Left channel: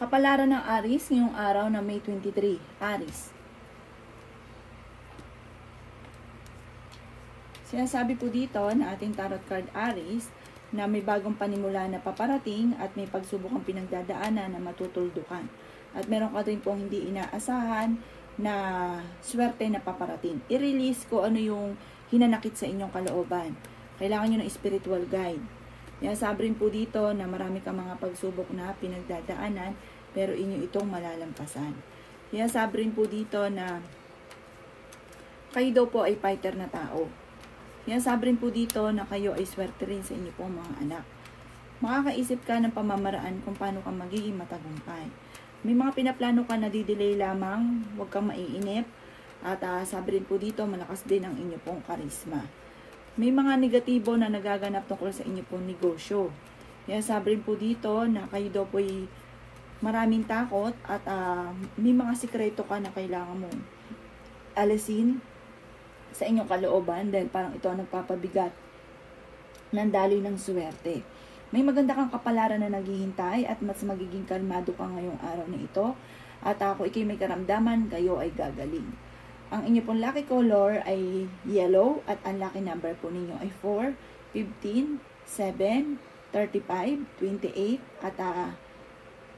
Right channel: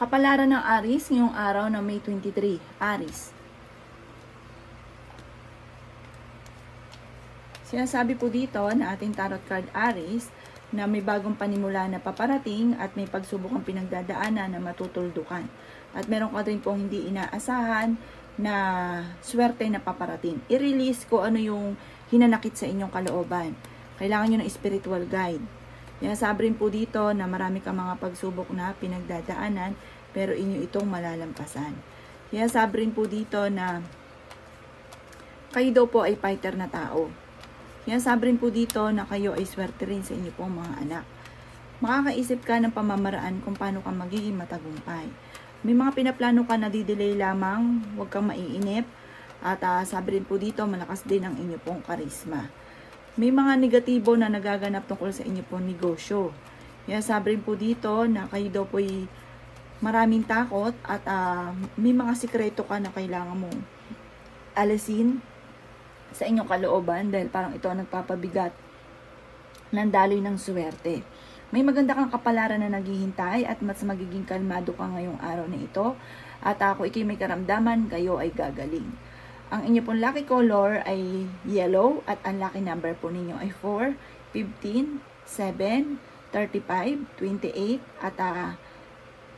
Kapalaran ng Aries ngayong araw na May 23. Aries. Sinasabi po dito na ating tarot card Aries na may bagong panimula na paparating at may pagsubok ang pinagdadaanan na matutuldukan. At meron ka rin pong hindi inaasahan na swerte na paparating. I-release ko ano yung hinanakit sa inyong kalooban. Kailangan nyo ng spiritual guide. Yan, sabi rin po dito na marami kang mga pagsubok na pinagdadaanan pero inyo itong malalampasan. Yan, sabi rin po dito na kayo daw po ay fighter na tao. Yan, sabi rin po dito na kayo ay swerte rin sa inyo pong mga anak. Makakaisip ka ng pamamaraan kung paano ka magiging matagumpay. May mga pinaplano ka na didelay lamang, huwag kang maiinip. At sabi rin po dito, malakas din ang inyo pong karisma. May mga negatibo na nagaganap tungkol sa inyo pong negosyo. Yan, sabi rin po dito na kayo daw po ay maraming takot at may mga sikreto ka na kailangan mong alisin sa inyong kalooban dahil parang ito ang nagpapabigat ng daloy ng swerte. May maganda kang kapalaran na naghihintay at mas magiging kalmado ka ngayong araw na ito. At ako ikay may karamdaman, kayo ay gagaling. Ang inyo pong lucky color ay yellow at ang lucky number po ninyo ay 4, 15, 7, 35, 28 at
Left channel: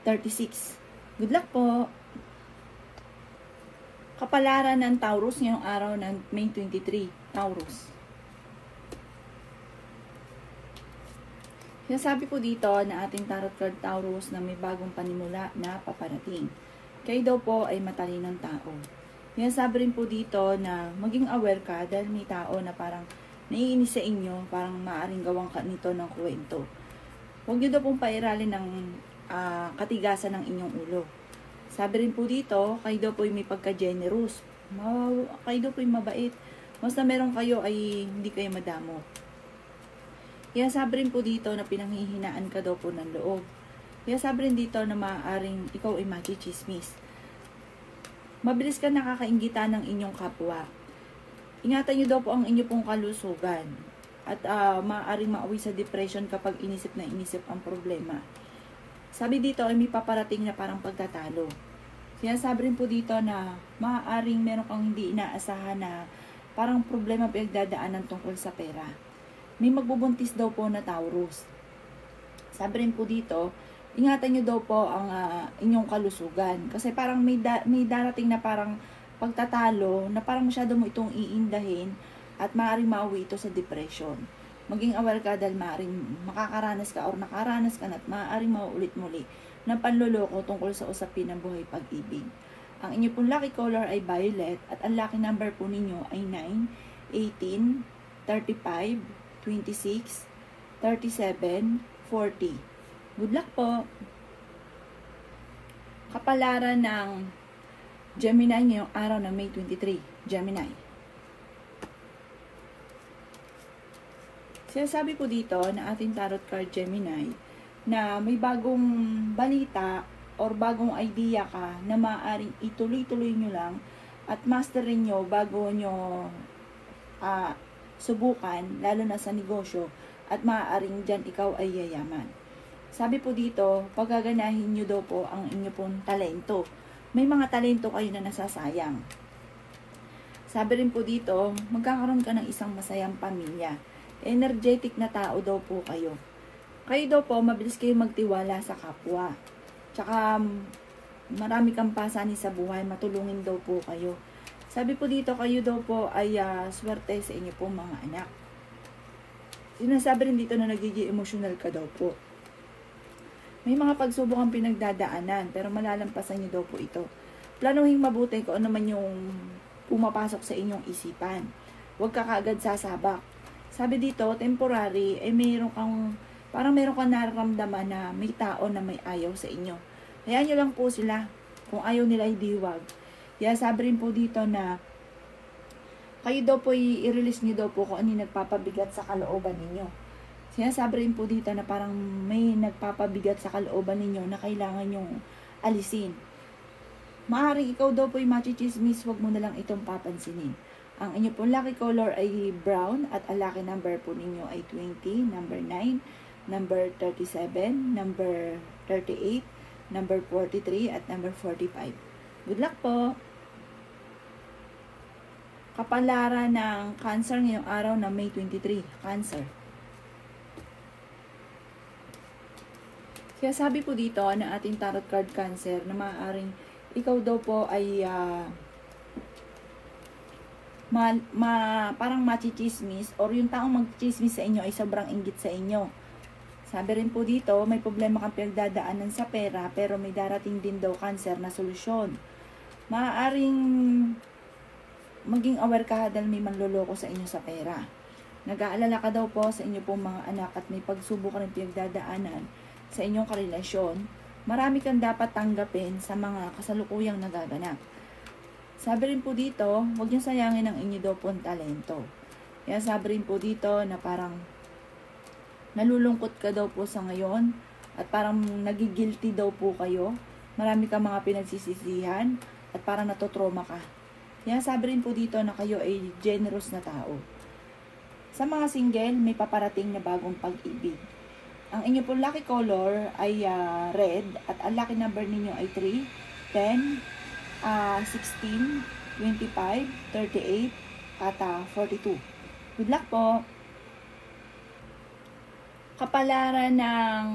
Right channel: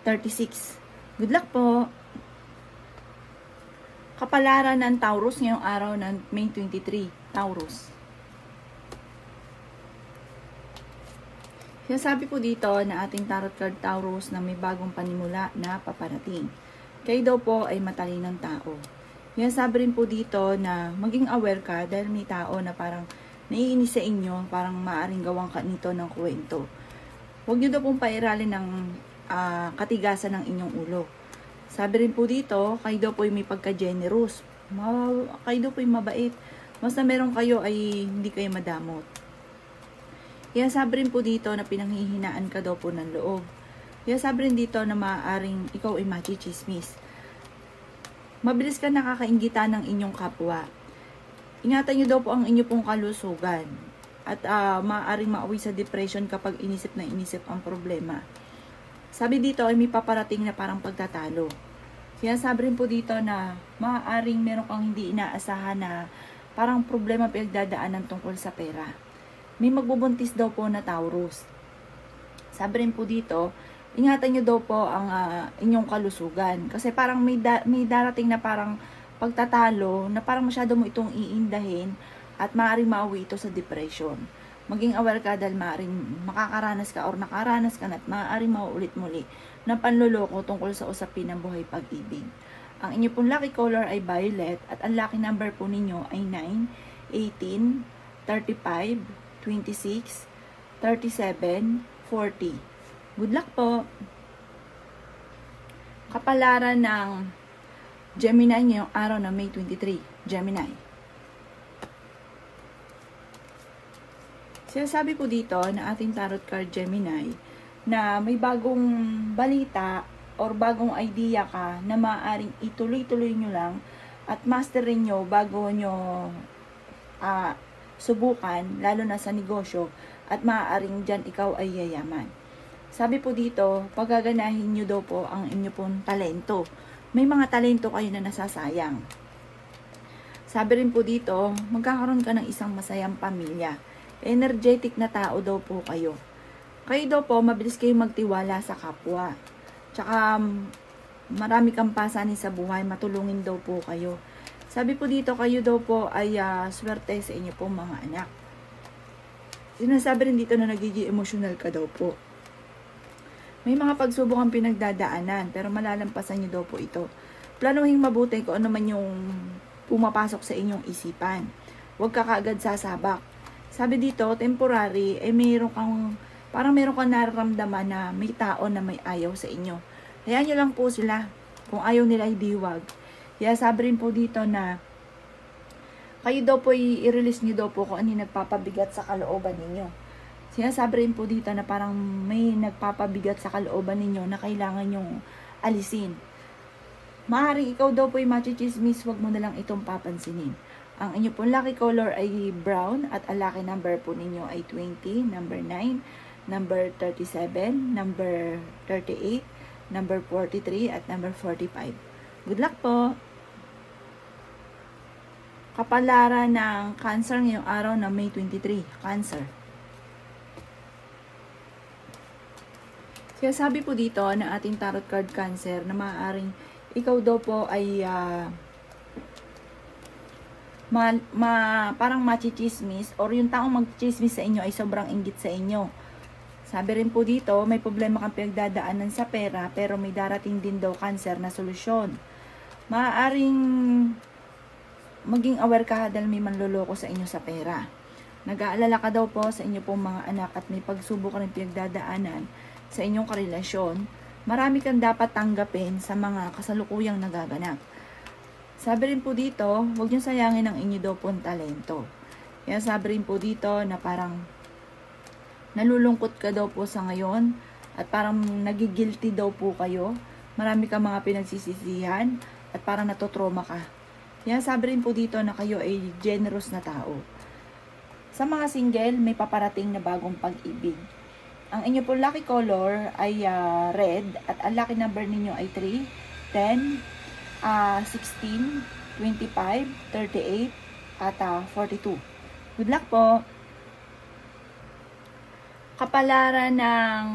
36. Good luck po! Kapalaran ng Taurus ngayong araw ng May 23. Taurus. Sinasabi po dito na ating tarot card Taurus na may bagong panimula na paparating. Kayo daw po ay matalinong tao. Sinasabi rin po dito na maging aware ka dahil may tao na parang naiinis sa inyo, parang maaring gawang ka nito ng kwento. Huwag nyo daw pong pairalin ng katigasan ng inyong ulo. Sabi rin po dito, kayo daw po ay may pagka-generous. Kayo daw po ay mabait. Basta meron kayo ay hindi kayo madamo. Kaya sabi rin po dito na pinanghihinaan ka daw po ng loob. Kaya sabi rin dito na maaaring ikaw ay machichismis. Mabilis ka nakakainggitan ng inyong kapwa. Ingatan nyo daw po ang inyo pong kalusugan. At maaaring mauwi sa depression kapag inisip na inisip ang problema. Sabi dito ay may paparating na parang pagtatalo. Sinasabi rin po dito na maaaring meron kang hindi inaasahan na parang problema pinagdadaanan tungkol sa pera. May magbubuntis daw po na Taurus. Sabi rin po dito, ingatan nyo daw po ang inyong kalusugan. Kasi parang may darating na parang pagtatalo na parang masyado mo itong iindahin at maaaring mauwi ito sa depression. Maging aware ka dahil maaaring makakaranas ka or nakaranas ka na at maaaring mauulit muli ng panluloko tungkol sa usapin ng buhay pag-ibig. Ang inyo pong lucky color ay violet at ang lucky number po ninyo ay 9, 18, 35, 26, 37, 40. Good luck po! Kapalaran ng Gemini ngayong araw na May 23. Gemini. Sinasabi po dito na ating tarot card Gemini na may bagong balita or bagong idea ka na maaaring ituloy-tuloy nyo lang at masterin nyo bago nyo subukan, lalo na sa negosyo, at maaaring dyan ikaw ay yayaman. Sabi po dito, pagaganahin nyo daw po ang inyo pong talento. May mga talento kayo na nasasayang. Sabi rin po dito, magkakaroon ka ng isang masayang pamilya. Energetic na tao daw po kayo. Kayo daw po, mabilis kayong magtiwala sa kapwa. Tsaka, marami kang pasanin sa buhay, matulungin daw po kayo. Sabi po dito, kayo daw po ay swerte sa inyo pong mga anak. Sinasabi rin dito na nagiging emosyonal ka daw po. May mga pagsubok ang pinagdadaanan, pero malalampasan nyo daw po ito. Planuhin mabuti kung ano man yung pumapasok sa inyong isipan. Huwag ka kaagad sasabak. Sabi dito, temporary, parang meron kang nararamdaman na may tao na may ayaw sa inyo. Hayaan nyo lang po sila. Kung ayaw nila, hindi huwag. Kaya sabi rin po dito na kayo daw po i-release nyo daw po kung ano yung nagpapabigat sa kalooban ninyo. Sinasabi rin po dito na parang may nagpapabigat sa kalooban ninyo na kailangan nyong alisin. Maaaring ikaw daw po ay machichismis, huwag mo na lang itong papansinin. Ang inyo pong lucky color ay brown at ang lucky number po ninyo ay 20, number 9, number 37, number 38, number 43, at number 45. Good luck po! Kapalaran ng Cancer ngayong araw na May 23. Cancer. Kaya sabi po dito na ating tarot card Cancer na maaaring ikaw daw po ay parang machichismis, or yung taong magchismis sa inyo ay sobrang inggit sa inyo. Sabi rin po dito, may problema kang pinagdadaanan sa pera, pero may darating din daw Cancer na solusyon. Maaaring maging aware ka dahil may manloloko sa inyo sa pera. Nag-aalala ka daw po sa inyo pong mga anak at may pagsubok ka rin pinagdadaanan sa inyong karelasyon. Marami kang dapat tanggapin sa mga kasalukuyang nagaganap. Sabi rin po dito, huwag niyo sayangin ang inyo daw pong talento. Kaya sabi rin po dito na parang nalulungkot ka daw po sa ngayon at parang nagigilty daw po kayo. Marami kang mga pinagsisisihan at parang natotrauma ka. Kaya sabi rin po dito na kayo ay generous na tao. Sa mga single, may paparating na bagong pag-ibig. Ang inyo po lucky color ay red at ang lucky number ninyo ay 3, 10, 16, 25, 38, at 42. Good luck po! Kapalaran ng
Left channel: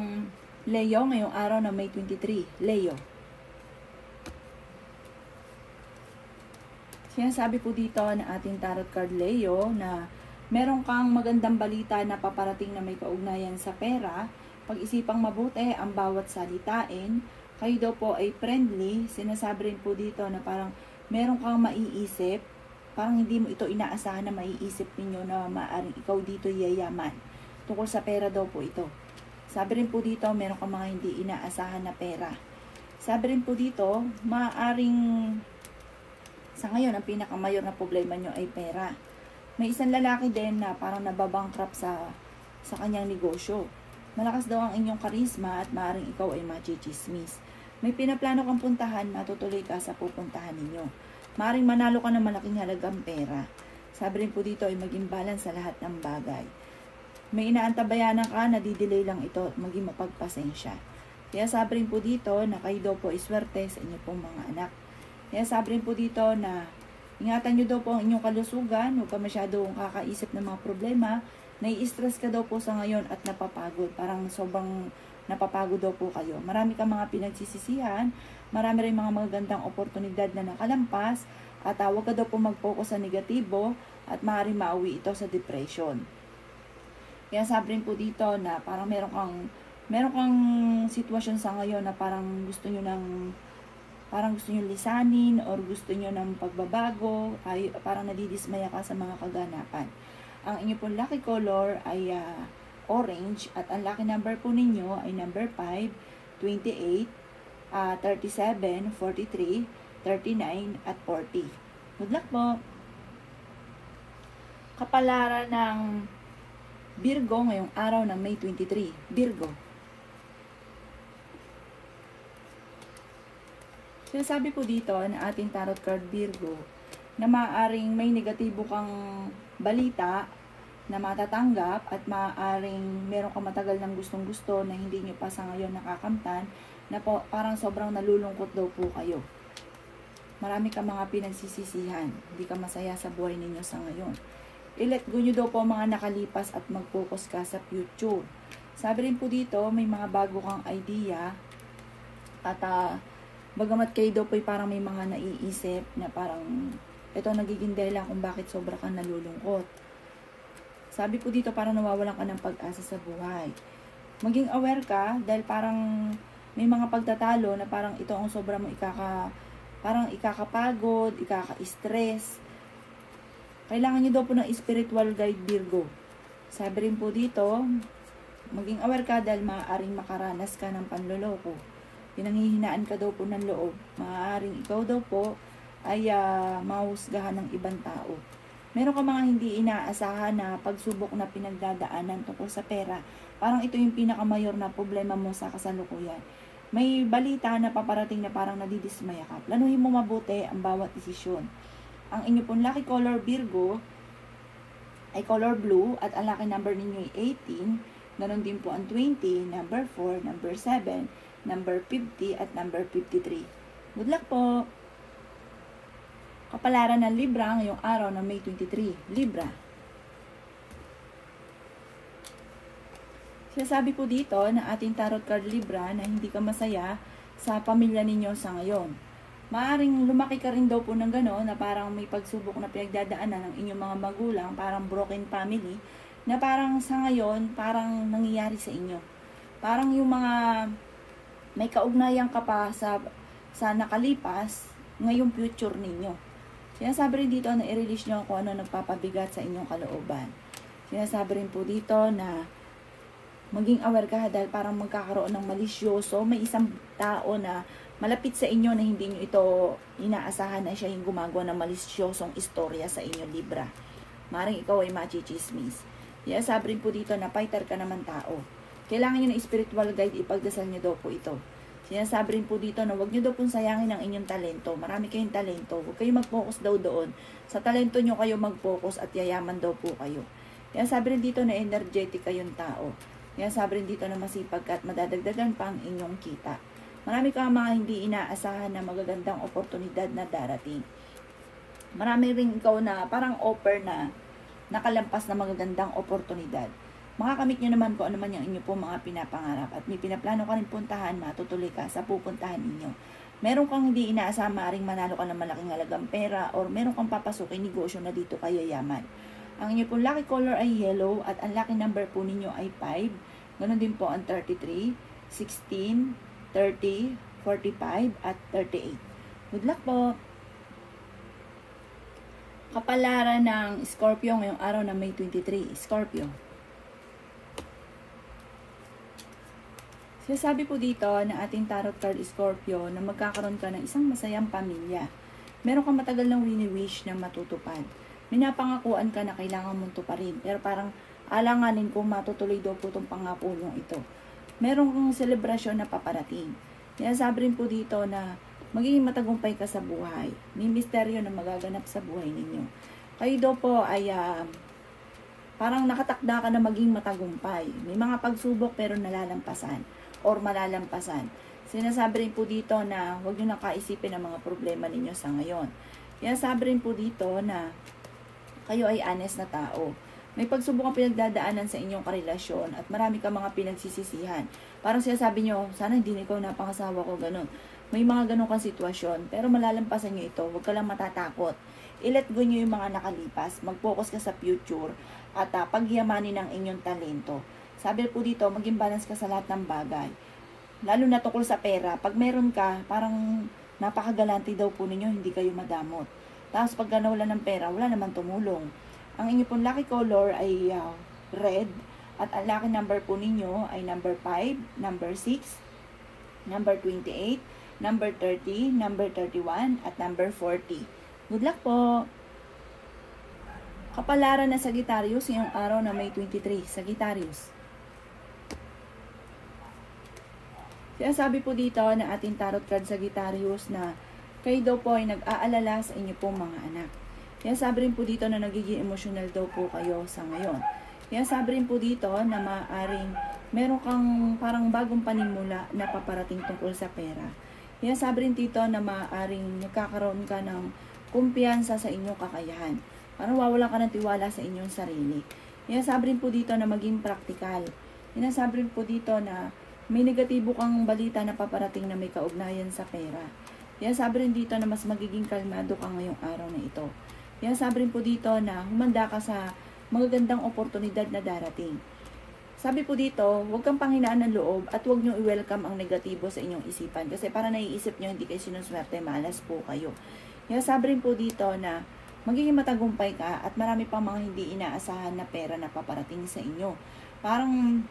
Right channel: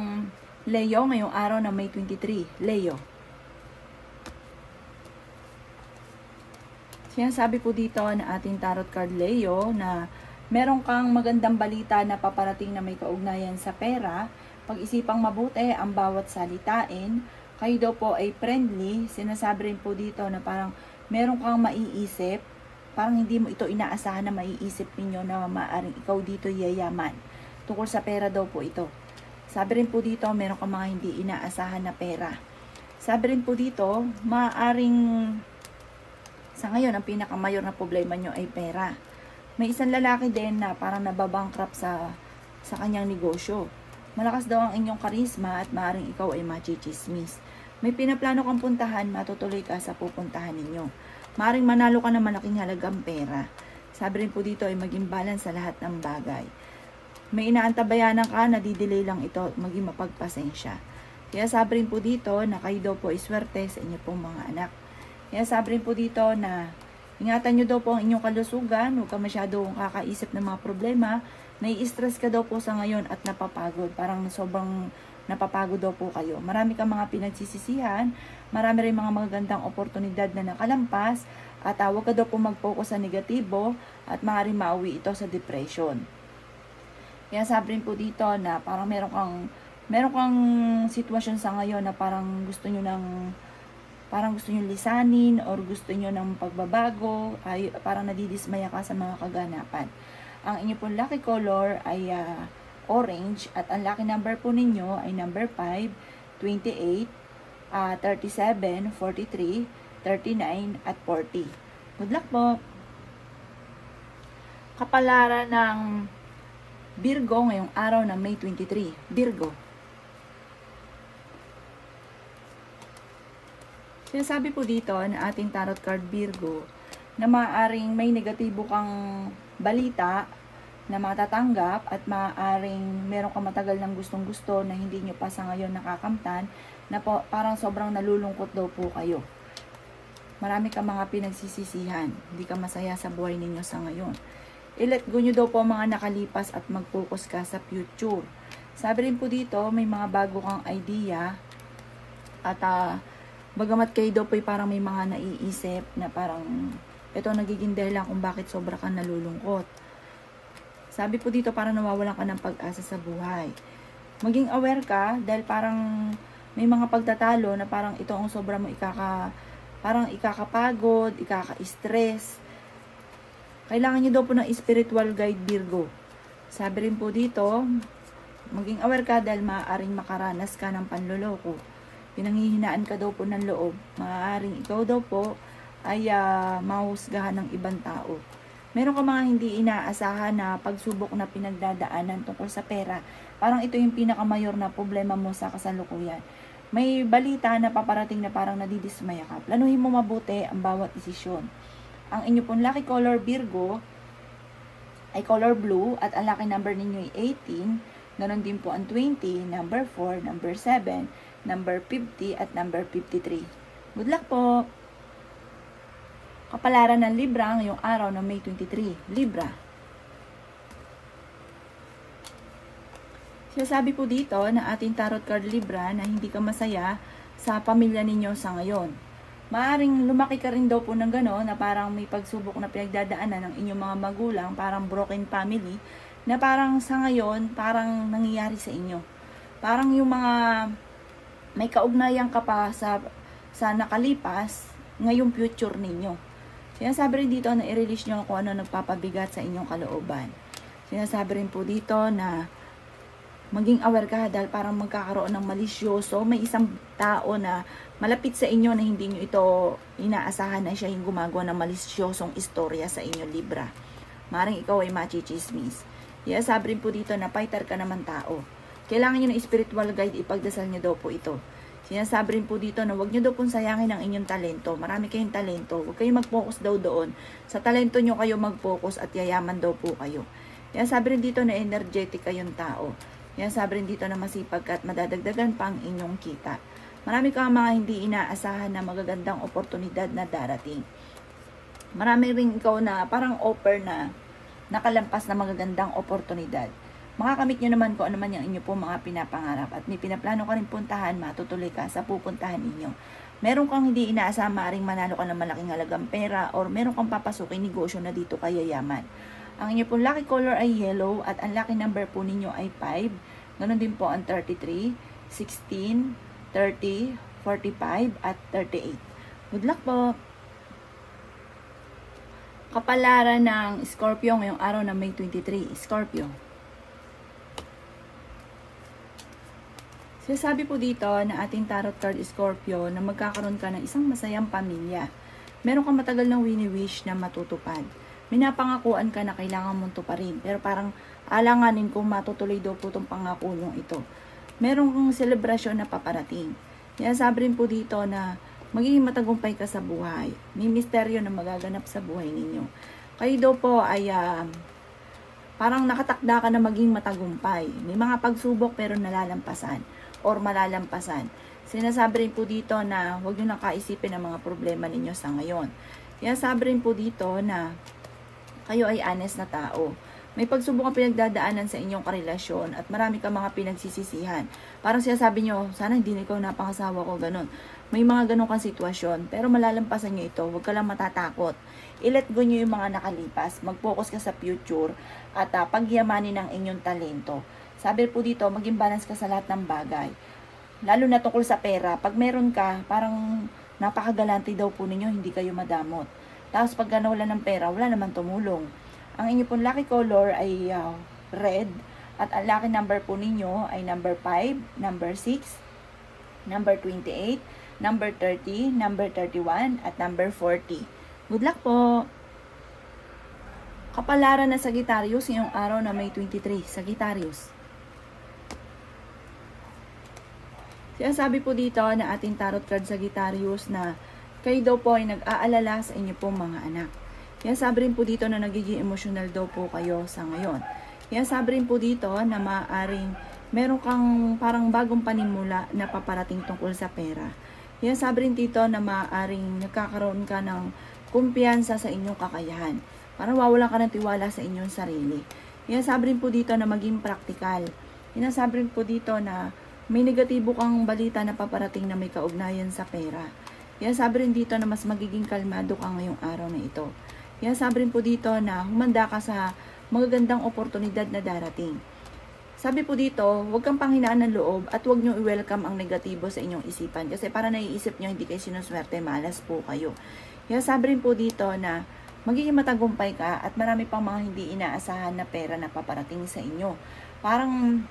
Leo ngayong araw na May 23. Leo. Sinasabi po dito na ating tarot card Leo na meron kang magandang balita na paparating na may kaugnayan sa pera. Pag-isipang mabuti ang bawat salitain. Kayo daw po ay friendly. Sinasabi rin po dito na parang meron kang maiisip. Parang hindi mo ito inaasahan na maiisip ninyo na maaaring ikaw dito yayaman. Tungkol sa pera daw po ito. Sabi rin po dito, meron kang mga hindi inaasahan na pera. Sabi rin po dito, maaaring sa ngayon, ang pinakamayor na problema nyo ay pera. May isang lalaki din na parang nababankrupt sa kanyang negosyo. Malakas daw ang inyong karisma at maaaring ikaw ay machichismis. May pinaplano kang puntahan, matutuloy ka sa pupuntahan ninyo. Maaaring manalo ka ng malaking halagang pera. Sabi rin po dito ay maging balance sa lahat ng bagay. May inaantabayanan ka, nadidelay lang ito at maging mapagpasensya. Kaya sabi rin po dito na kayo daw po ay swerte sa inyo pong mga anak. Kaya sabi rin po dito na ingatan nyo daw po ang inyong kalusugan, huwag ka masyadong kakaisip ng mga problema. Nai-stress ka daw po sa ngayon at napapagod. Parang sobrang napapagod daw po kayo. Marami kang mga pinagsisisihan, marami rin mga magagandang oportunidad na nakalampas, at huwag ka daw po mag-focus sa negatibo at maaaring mauwi ito sa depression. Kaya sabi rin po dito na parang meron kang sitwasyon sa ngayon na parang gusto nyo lisanin or gusto nyo ng pagbabago, ay parang nadidismaya ka sa mga kaganapan. Ang inyo pong lucky color ay orange at ang lucky number po ninyo ay number 5, 28, 37, 43, 39, at 40. Good luck po! Kapalaran ng Virgo ngayong araw na May 23. Virgo. Sinasabi po dito na ating tarot card Virgo na maaaring may negatibo kang balita na matatanggap at maaaring meron kang matagal ng gustong-gusto na hindi nyo pa sa ngayon nakakamtan, na po, parang sobrang nalulungkot daw po kayo. Marami kang mga pinagsisisihan, hindi ka masaya sa buhay ninyo sa ngayon. I-let go nyo daw po mga nakalipas at mag-focus ka sa future. Sabi rin po dito, may mga bago kang idea at bagamat kayo daw po parang may mga naiisip na parang ito nagiging dahilan kung bakit sobra kang nalulungkot. Sabi po dito, parang nawawalan ka ng pag-asa sa buhay. Maging aware ka dahil parang may mga pagtatalo na parang ito ang sobra mo parang ikakapagod, ikaka-stress. Kailangan nyo daw po ng spiritual guide Virgo. Sabi rin po dito, maging aware ka dahil maaaring makaranas ka ng panloloko. Pinanghihinaan ka daw po ng loob. Maaaring ikaw daw po ay mahusgahan ng ibang tao. Meron ka mga hindi inaasahan na pagsubok na pinagdadaanan tungkol sa pera. Parang ito yung pinakamayor na problema mo sa kasalukuyan. May balita na paparating na parang nadidismaya ka. Planuhin mo mabuti ang bawat desisyon. Ang inyo pong lucky color Virgo ay color blue at ang lucky number ninyo ay 18. Ganon din po ang 20, number 4, number 7, number 50, at number 53. Good luck po! Kapalaran ng Libra ngayong araw ng May 23. Libra. Sinasabi po dito na ating tarot card Libra na hindi ka masaya sa pamilya ninyo sa ngayon. Maaring lumaki ka rin daw po ng gano'n na parang may pagsubok na pinagdadaanan ng inyong mga magulang, parang broken family, na parang sa ngayon, parang nangyayari sa inyo. Parang yung mga may kaugnayan ka pa sa nakalipas, ngayong future ninyo. Sinasabi rin dito na i-release nyo kung ano nagpapabigat sa inyong kalooban. Sinasabi rin po dito na maging aware ka dahil parang magkakaroon ng malisyoso. May isang tao na malapit sa inyo na hindi nyo ito inaasahan na siya yung gumagawa ng malisyosong istorya sa inyo, Libra. Maring ikaw ay machichismis. Sabi rin po dito na fighter ka naman tao. Kailangan nyo ng spiritual guide, ipagdasal nyo daw po ito. Sinasabi rin po dito na huwag nyo daw pong sayangin ang inyong talento. Marami kayong talento. Huwag kayong mag-focus daw doon. Sa talento nyo kayo mag-focus at yayaman daw po kayo. Sinasabi rin dito na energetic kayong tao. Sabi rin dito na masipag at madadagdagan pa ang inyong kita. Marami kang mga hindi inaasahan na magagandang oportunidad na darating. Marami rin ikaw na parang offer na nakalampas na magagandang oportunidad. Makakamit nyo naman kung ano man yung inyo po mga pinapangarap at may pinaplano ka rin puntahan, matutuloy ka sa pupuntahan ninyo. Meron kang hindi inaasahan, maaaring manalo ka ng malaking halagang pera or meron kang papasukin negosyo na dito kaya yaman. Ang inyo pong lucky color ay yellow at ang lucky number po ninyo ay 5. Ganon din po ang 33, 16, 30, 45 at 38. Good luck po! Kapalaran ng Scorpio ngayong araw na May 23. Scorpio. Sinasabi po dito na ating tarot card Scorpio na magkakaroon ka ng isang masayang pamilya. Meron kang matagal ng wini-wish na matutupad. Minapangakuan ka na kailangan mong tuparin. Pero parang alanganin kung matutuloy daw po itong pangako yung ito. Meron kang selebrasyon na paparating. Sinasabi rin po dito na magiging matagumpay ka sa buhay. May misteryo na magaganap sa buhay ninyo. Kayo daw po ay parang nakatakda ka na maging matagumpay. May mga pagsubok pero nalalampasan or malalampasan. Sinasabi rin po dito na huwag nyo nakaisipin ang mga problema ninyo sa ngayon. Sinasabi rin po dito na kayo ay honest na tao. May pagsubok ang pinagdadaanan sa inyong karelasyon at marami kang mga pinagsisisihan. Parang sinasabi nyo, sana hindi na ikaw napangasawa ko, ganun. May mga ganun kang sitwasyon, pero malalampasan nyo ito. Huwag ka lang matatakot. I-let go nyo yung mga nakalipas. Mag-focus ka sa future at pagyamanin ng inyong talento. Sabi po dito, maging balance ka sa lahat ng bagay. Lalo na tukol sa pera. Pag meron ka, parang napakagalante daw po ninyo, hindi kayo madamot. Tapos pagka nawala ng pera, wala naman tumulong. Ang inyo pong lucky color ay red. At ang lucky number po ninyo ay number 5, number 6, number 28, number 30, number 31, at number 40. Good luck po! Kapalaran na Sagittarius ngayong araw na May 23. Sagittarius. Sinasabi po dito na ating tarot card Sagittarius na kayo daw po ay nag-aalala sa inyo pong mga anak. Sinasabi rin po dito na nagiging emotional daw po kayo sa ngayon. Sinasabi rin po dito na maaaring meron kang parang bagong panimula na paparating tungkol sa pera. Sinasabi rin dito na maaaring nagkakaroon ka ng kumpiyansa sa inyong kakayahan. Parang wawalan ka ng tiwala sa inyong sarili. Sinasabi rin po dito na maging praktikal. Sinasabi rin po dito na may negatibo kang balita na paparating na may kaugnayan sa pera. Sinasabi rin dito na mas magiging kalmado ka ngayong araw na ito. Sinasabi rin po dito na humanda ka sa magagandang oportunidad na darating. Sabi po dito, huwag kang panghinaan ng loob at huwag nyo i-welcome ang negatibo sa inyong isipan. Kasi para naiisip nyo, hindi kayo sinuswerte, malas po kayo. Sinasabi rin po dito na magiging matagumpay ka at marami pang mga hindi inaasahan na pera na paparating sa inyo. Parang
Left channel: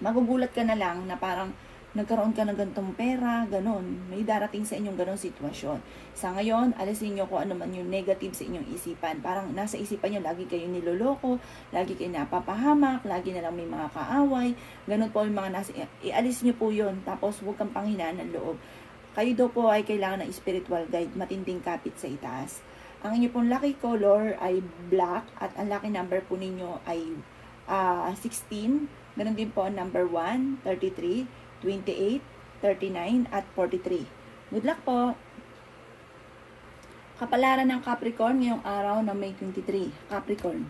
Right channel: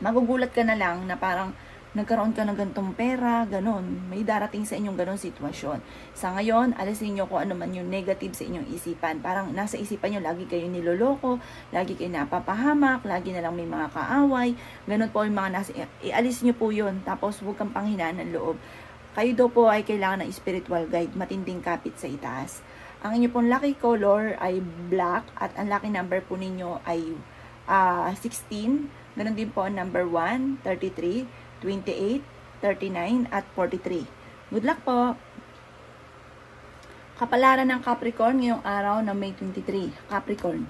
magugulat ka na lang na parang nagkaroon ka ng gantong pera, ganun. May darating sa inyong ganun sitwasyon. Sa ngayon, alisin nyo kung ano man yung negative sa inyong isipan. Parang nasa isipan nyo, lagi kayo niloloko, lagi kayo napapahamak, lagi na lang may mga kaaway. Ganun po yung mga nasa, ialis nyo po yun. Tapos huwag kang panghinaan ng loob. Kayo daw po ay kailangan ng spiritual guide, matinding kapit sa itaas. Ang inyo pong lucky color ay black at ang lucky number po ninyo ay 16. Ganun din po ang number 1, 33, 28, 39, at 43. Good luck po! Kapalaran ng Capricorn ngayong araw ng May 23. Capricorn.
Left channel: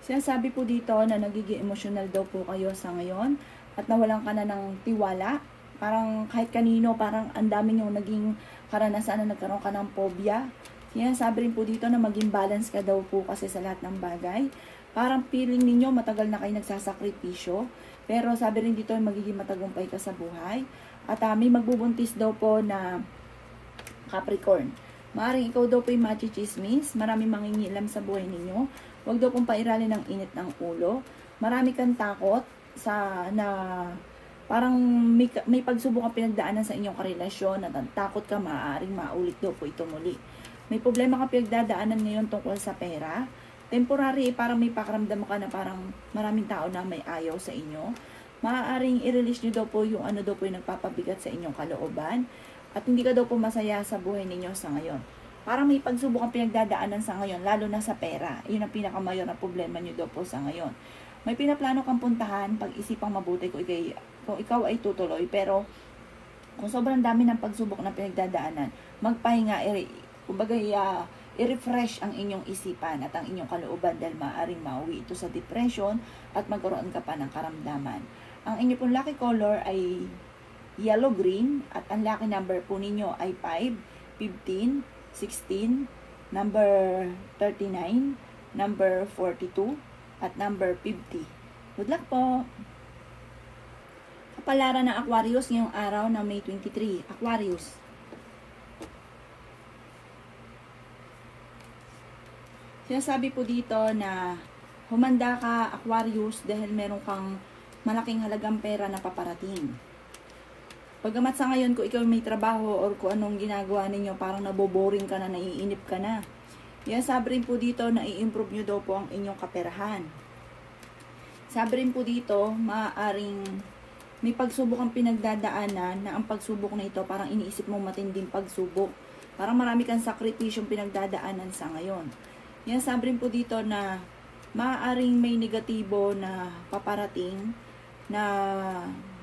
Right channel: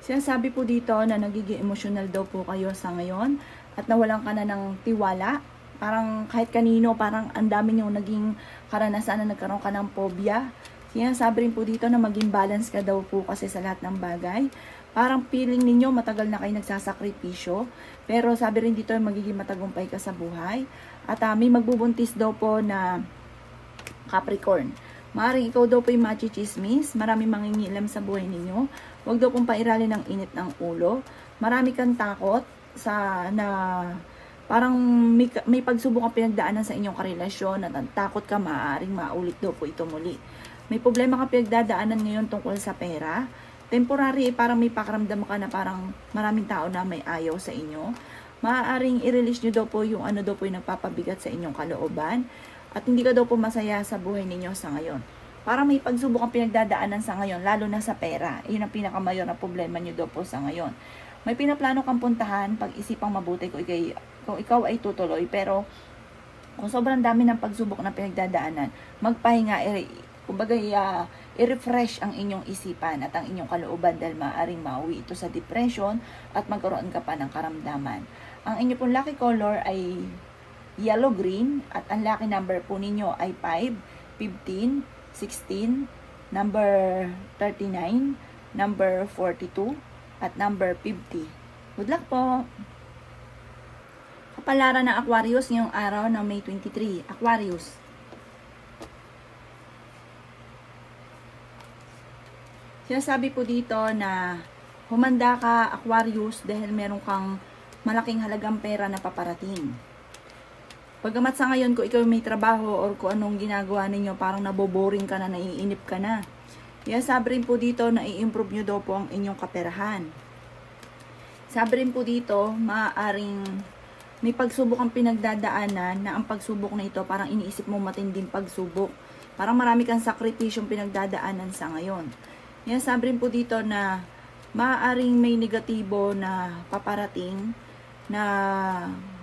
Sinasabi po dito na nagiging emotional daw po kayo sa ngayon at nawalan ka na ng tiwala. Parang kahit kanino, parang ang dami niyong naging karanasan na nagkaroon ka ng phobia. Sinasabi rin po dito na maging balance ka daw po kasi sa lahat ng bagay. Parang feeling ninyo matagal na kayo nagsasakripisyo. Pero sabi rin dito magiging matagumpay ka sa buhay. At may magbubuntis daw po na Capricorn. Maaaring ikaw daw po yung machichismis. Marami mangingilam sa buhay ninyo. Huwag daw pong pairalin ng init ng ulo. Marami kang takot na parang may pagsubok ang pinagdaanan sa inyong karelasyon at takot ka maaaring maulit daw po ito muli. May problema ka pinagdadaanan ngayon tungkol sa pera. Temporary, parang may pakaramdam ka na parang maraming tao na may ayaw sa inyo. Maaaring i-release nyo daw po yung ano daw po yung nagpapabigat sa inyong kalooban. At hindi ka daw po masaya sa buhay ninyo sa ngayon. Parang may pagsubok ang pinagdadaanan sa ngayon, lalo na sa pera. Yun ang pinakamayor na problema nyo daw po sa ngayon. May pinaplano kang puntahan, pag-isipang mabuti kung ikaw ay tutuloy. Pero kung sobrang dami ng pagsubok na pinagdadaanan, magpahinga, kumbaga i-refresh ang inyong isipan at ang inyong kalooban dahil maaaring mauwi ito sa depression at magkaroon ka pa ng karamdaman. Ang inyong pong lucky color ay yellow-green at ang lucky number po ninyo ay 5, 15, 16, number 39, number 42, at number 50. Good luck po! Kapalaran ng Aquarius ngayong araw ng May 23. Aquarius. Sinasabi po dito na humanda ka, Aquarius, dahil meron kang malaking halagang pera na paparating. Pagamat sa ngayon, kung ikaw may trabaho or kung anong ginagawa ninyo, parang naboboring ka na, naiinip ka na. Sabi rin po dito na i-improve nyo daw po ang inyong kaperahan. Sabi rin po dito, maaaring may pagsubok ang pinagdadaanan na ang pagsubok na ito, parang iniisip mo matinding pagsubok. Parang marami kang sakripisyong pinagdadaanan sa ngayon. Sabi rin po dito na maaaring may negatibo na paparating na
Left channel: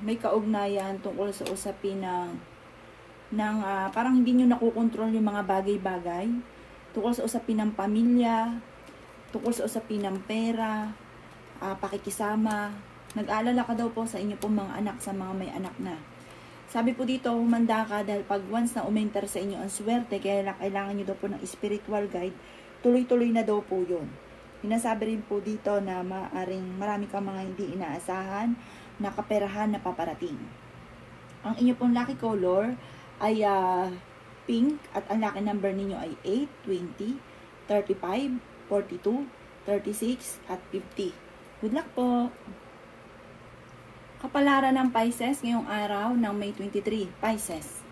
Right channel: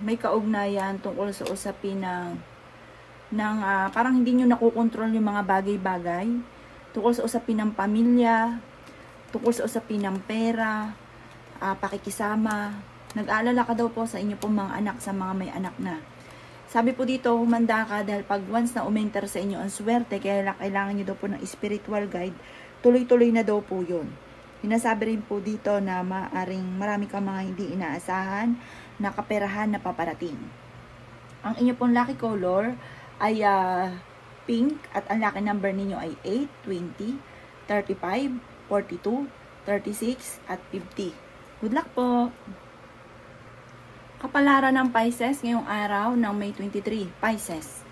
may kaugnayan tungkol sa usapin ng parang hindi nyo nakukontrol yung mga bagay-bagay tungkol sa usapin ng pamilya, tungkol sa usapin ng pera, pakikisama. Nag-aalala ka daw po sa inyo pong mga anak, sa mga may anak na. Sabi po dito, humanda ka dahil pag once na umenter sa inyo ang swerte, kaya kailangan nyo daw po ng spiritual guide, tuloy-tuloy na daw po yun. Sinasabi rin po dito na maaring marami kang mga hindi inaasahan na kaperahan na paparating. Ang inyo pong lucky color ay pink at ang lucky number ninyo ay 8, 20, 35, 42, 36, at 50. Good luck po! Kapalaran ng Pisces ngayong araw ng May 23. Pisces.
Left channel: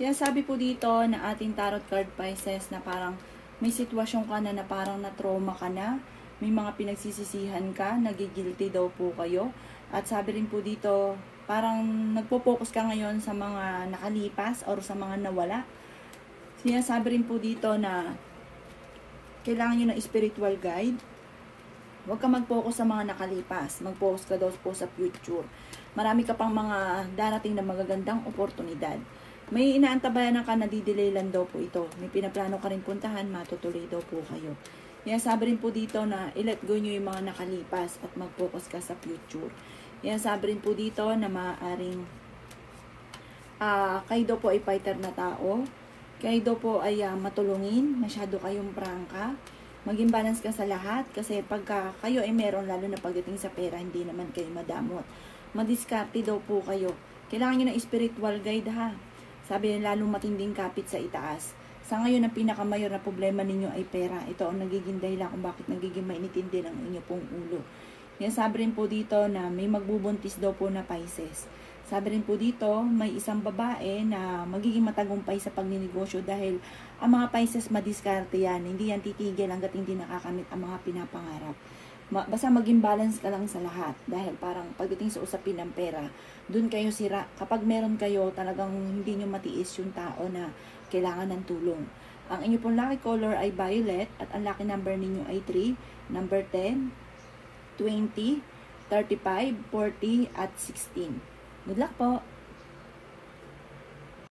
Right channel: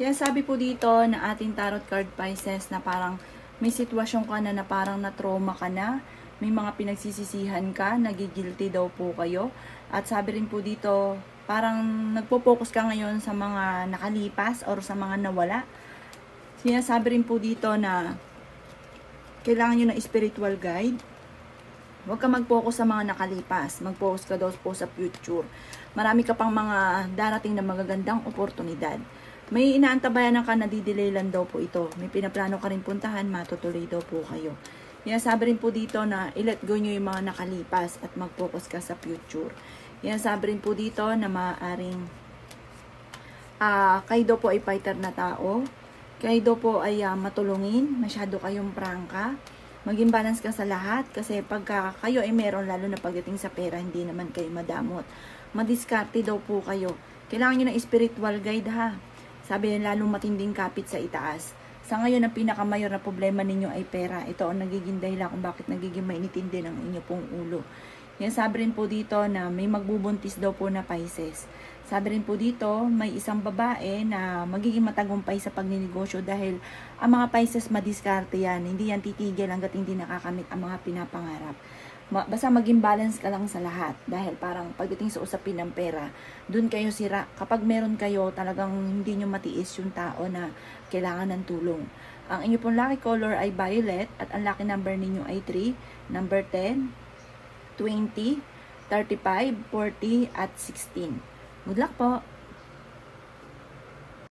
Sinasabi po dito na ating tarot card Pisces na parang may sitwasyon ka na parang na-trauma ka na, may mga pinagsisisihan ka, nagigilty daw po kayo. At sabi rin po dito, parang nagpo-focus ka ngayon sa mga nakalipas or sa mga nawala. Sinasabi rin po dito na kailangan nyo ng spiritual guide. Huwag ka mag-focus sa mga nakalipas. Mag-focus ka daw po sa future. Marami ka pang mga darating na magagandang oportunidad. May inaantabayan ka na didilaylan daw po ito. May pinaplano ka rin puntahan, matutuloy daw po kayo. Sabi rin po dito na i-let go nyo yung mga nakalipas at mag-focus ka sa future. Sabi rin po dito na maaaring kayo daw po ay fighter na tao. Kayo daw po ay matulungin. Masyado kayong prangka. Maging balance ka sa lahat kasi pagka kayo ay meron, lalo na pagdating sa pera, hindi naman kayo madamot. Madiskarte daw po kayo. Kailangan nyo ng spiritual guide ha. Sabi nyo, lalong matinding kapit sa itaas. Sa ngayon, ang pinakamayor na problema ninyo ay pera. Ito ang nagiging dahilan kung bakit nagiging mainitin din ang inyo pong ulo. Sabi rin po dito na may magbubuntis daw po na Pisces. Sabi rin po dito, may isang babae na magiging matagumpay sa pagninegosyo dahil ang mga Pisces madiskarte yan. Hindi yan titigil hanggat hindi nakakamit ang mga pinapangarap. Basta maging balance ka lang sa lahat. Dahil parang pagdating sa usapin ng pera, dun kayo sira. Kapag meron kayo, talagang hindi nyo matiis yung tao na kailangan ng tulong. Ang inyo pong lucky color ay violet at ang lucky number ninyo ay 3, number 10, 20, 35, 40, at 16. Good luck po!